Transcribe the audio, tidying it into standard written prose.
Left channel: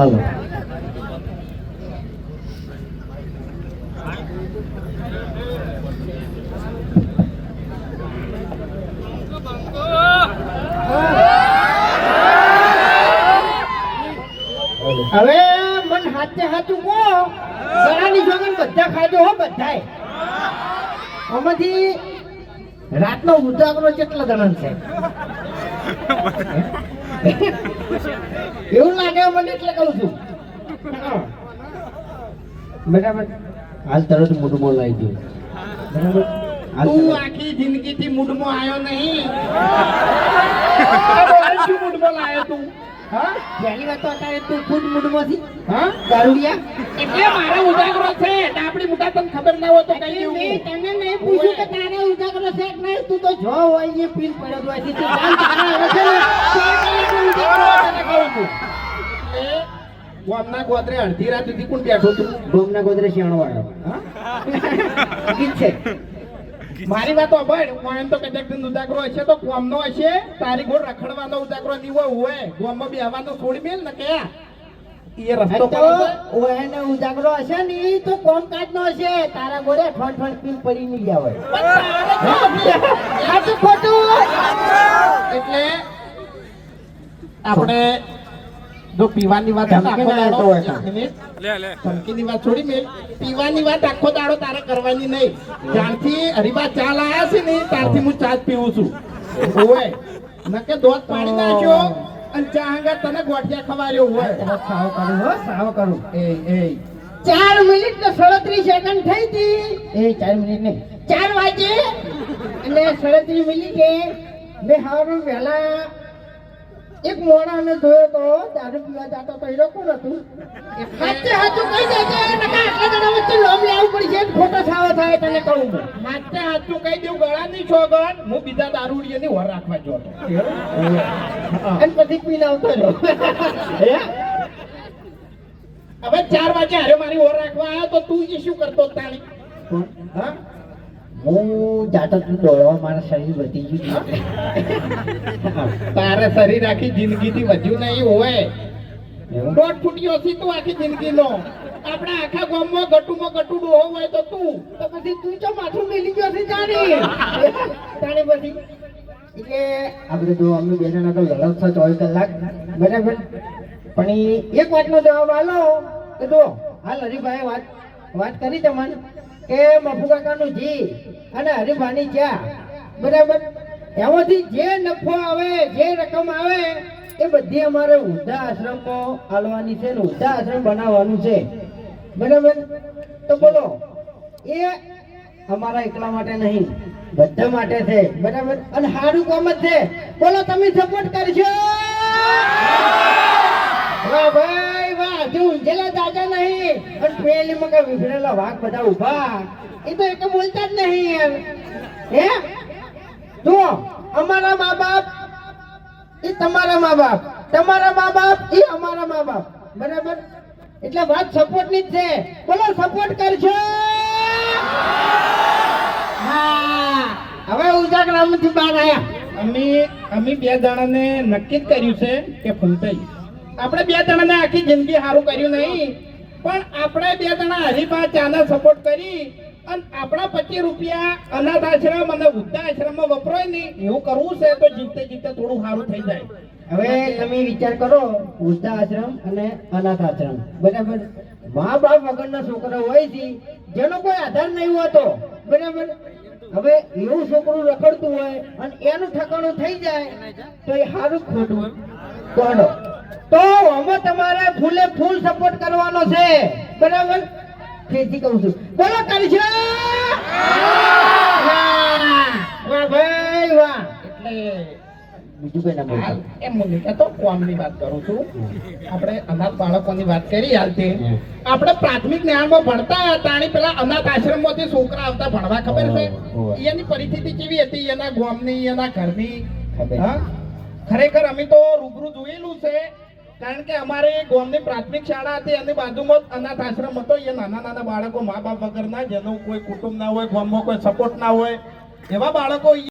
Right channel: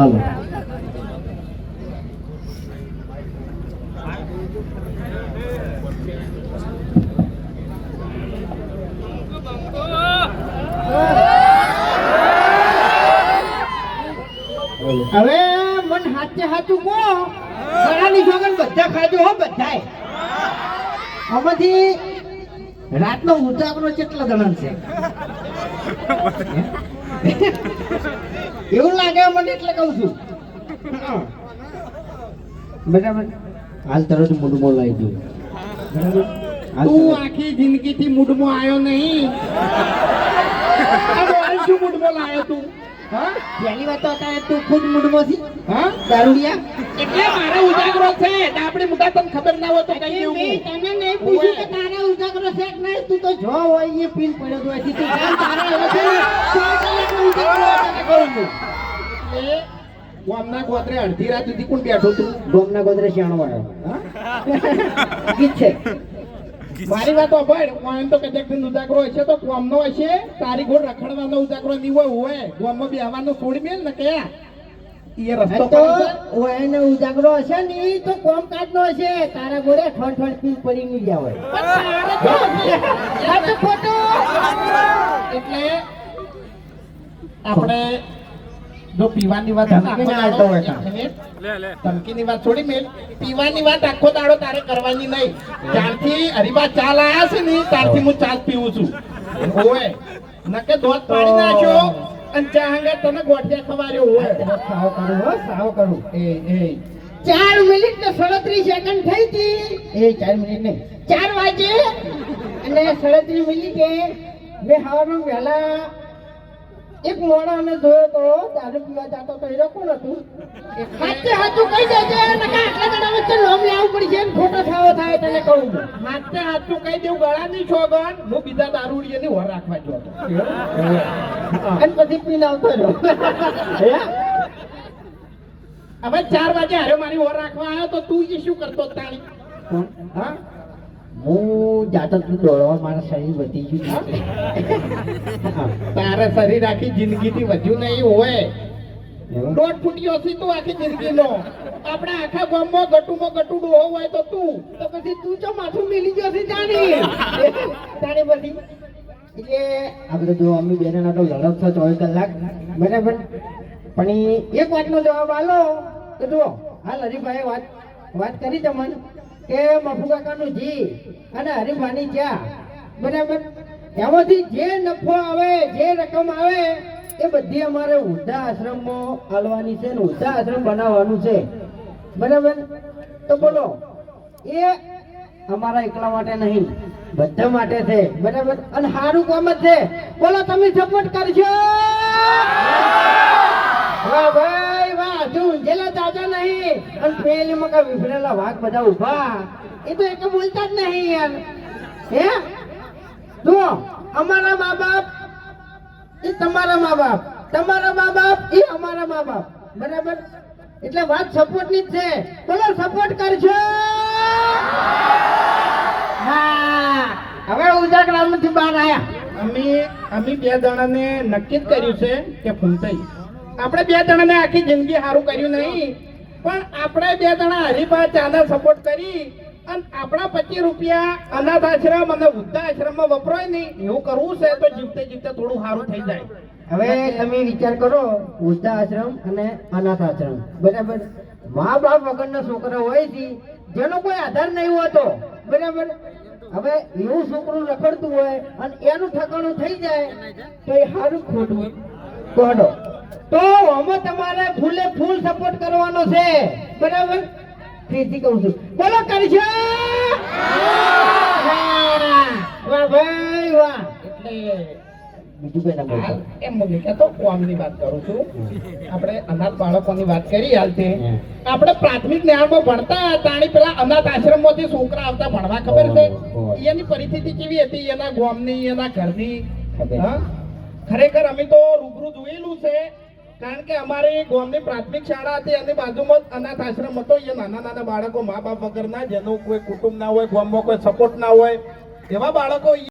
હાલો હવે મન હાથે હાથું બોલો ઘણાની જોગન બધા ખાધો હો બધાય આમાંથી રાતનો ઉજાગરો કેટલા જણા છે એવું લાગે મને એટલે કહું છું બરાબર હાલ તરત મોઢું બોલાવી દઉં તું આખી જિંદગી થી મૂડમાં આવ્યો નહીં શું મૂડમાં લાવ્યો તું હા પહેલી વાત તો અત્યારે તું ખુદ મૂડમાં છી હા દારૂડિયા એટલે મારો ઉજાગરો છે આપણી મુકા તને ખબર ના હોય તો કઈ દેવું તને નહીં પૂછ્યું કે તારો ઉજાગરો છે કે નહીં તું તો જો હોય એ પીન પડ્યો તો સીધી જાન તારા આવે છે ને તો કલાકનો ઉજાગરો તને કહું છું એ ગામના ગોત્રે અડધી રાત સુધી કોણ બેઠો તું ગોમના ગોદરે શાણો આવ્યો હા ઠીક છે મારી વાત સાંભળ હું તો કદાચ ઉજાગરો હશે તો કોમનો હશે તારી ગોળ રખડવાનો ઉજાગરો નીવો હોય ગોમમાં બેહવાનો છોડી મેલ ને કે એ રસ્તો તો પર ઓયને ઉજાગરો હશે ને ઈ તો કોમ કાઢનો હશે તારા ઘોડે ઠોડ ઠોડ પીન પડી ની ગયા હોય સાચું ખોટું એટલે આપણે જો પીવાની વાત ધમકી ના આલતો હોય તો. ધમકીની વાત છોડી મેલ પીવાની વાત આખો દાડો તારે કરવાની નહીં ત્યારથી હરીબા ચા લાયા છે ને ત્યારથી હું ચા જ પીવું છું ઓય નકે દોધ પાડી નાખ્યો અને ચા હંગા તને ગોઠિયા ખવાર્યો હોય સાવ કરું હો સાવ કરું એ 4 મિનિટ ને 37 સેકન્ડ થઈ હતી એ 4 મિનિટ નહીં 4 વાગે અને 37 મિનિટે મેં હવારમાં વહેલા એક મોણાને જોયો તો દારૂ પીવા જાતો પહેરો કોણ હતું હાથે હાથું કહી દેજે નકા આટલા જણા વચ્ચે લોમ લાવવું પડશે ને ખોટો થાવો થાય તને કહું હાથે હાથું કહી દેવું ગળાની છોગન હું બીજા દારૂડિયાની વર રાખવા જો હતો અને પછી પીને આવતો રહ્યો હવે 4 વાગે હારે મારી વર રાખવા આવ્યો તો તું એ શું કરતો તારી હા હું જાતો તું દોડવા મારા શરીર વધી ગયું તારે શરીર આખી જિંદગીથી વધ્યું નહીં હોય એવું? 1.5 ફૂટ્યો છે તું આખી જિંદગીનો આપણે આખા ગામમાં ગટુમાં ગટુ ડોહો હોય તો તું તો પછી તું જો માથું મેલી ગયો છે જાણી તારે પછી એટલે આપણે તો અમે બે જણા તો લડત છો 24 કલાક બરાબર પણ એક વાતનો જવાબ આલો કે જો હાલ હરિભાઈ વાત કરી તમને કે મફુ કાકાનું જી અને હરિભાઈની ચા બરાબર એમાંથી જે નફો આવે જે રકમ આવે એ બધી અમારે વૃદ્ધા આશ્રમમાં આલવાની છે ને વૃદ્ધા આશ્રમ બનાવવાનું છે બરાબર તો બોલો એ અમારા એકલા માટે નહીં બધા માટે છે બરાબર અને સારું કામ જ છે બોલો તમે સપોર્ટ કરશો વાહ ભાઈ વાહ જો ઊંઝેલા દાદા નહીં અને પેલીમાં કઈ વિભરેલા વાઘ બધા ઉભા એ તો એક બોલતા જ નહીં હે જો અમારા મા બાપ એ તમારા મા બાપ તમારા મા બાપ એ અમારા મા બાપ બરાબર એટલે વાત સપોર્ટ ની જ છે બોલો સપોર્ટ કરશો હા હવે ઉજાગરામાંથી બહાર આવ્યા અમે બે જણાને નક્કી જ કર્યું છે કે ફૂલતાઈ આપણે બે જણાને આખી જિંદગી સારું કર્યું નહીં પણ આપણે બે જણા હરિભા ચાને સપોર્ટ કરી અને આપણા 25 રૂપિયા અનાથ આશ્રમ અને વૃદ્ધા આશ્રમમાં વપરાય નહીં એવું કરવું છે તો જીવતે જીવતે થોડું સારું થઈ જાય હવે તમે વિચાર કરો વૃદ્ધા આશ્રમ અને અનાથ આશ્રમ બરાબર મા બાપ વગરના છોકરા હોય છે જેનો કોઈ આધાર નહીં હોતો બરાબર હવે એવું છોકરું રખડતું હોય અને એનું ઠકાણું થઈ જાય તો એ સારું ખોટું કોડો તો આમાં તમારે ફૂલે ફૂલ સપોર્ટ કરવાનો છે બરાબર ફરીથી કહું છું બોલો કરજો વાહ ભાઈ વાહ એટલે બીજું કઈ ના બોલતા એમ નહીં કે તો કોમની વાત કરું છું આપણે અનાથ બાળકોની વાત કરી હાલ તે આપણે પ્રાથમિક જ્ઞાનમાં ભણતા તાણી પેલા અનાથ આશ્રમમાંથી છોકરા આવતા ભણવા ખબર છે એની પરિસ્થિતિ કેવી હતી એના ગામની એના ઘરની હા ખરેખર અમે તો રૂબરૂ જોયેલું છે કારણ કે અમારે ગામની પ્રાથમિક શાળા હતી અને બાજુમાં અનાથ આશ્રમ હતો એ નાના નાના બાળકો મા બાપ વગરના જેનું કોઈ કુટુંબ ના હોય ગામમાં કોઈ સપોર્ટ ના હોય એવા બાળકો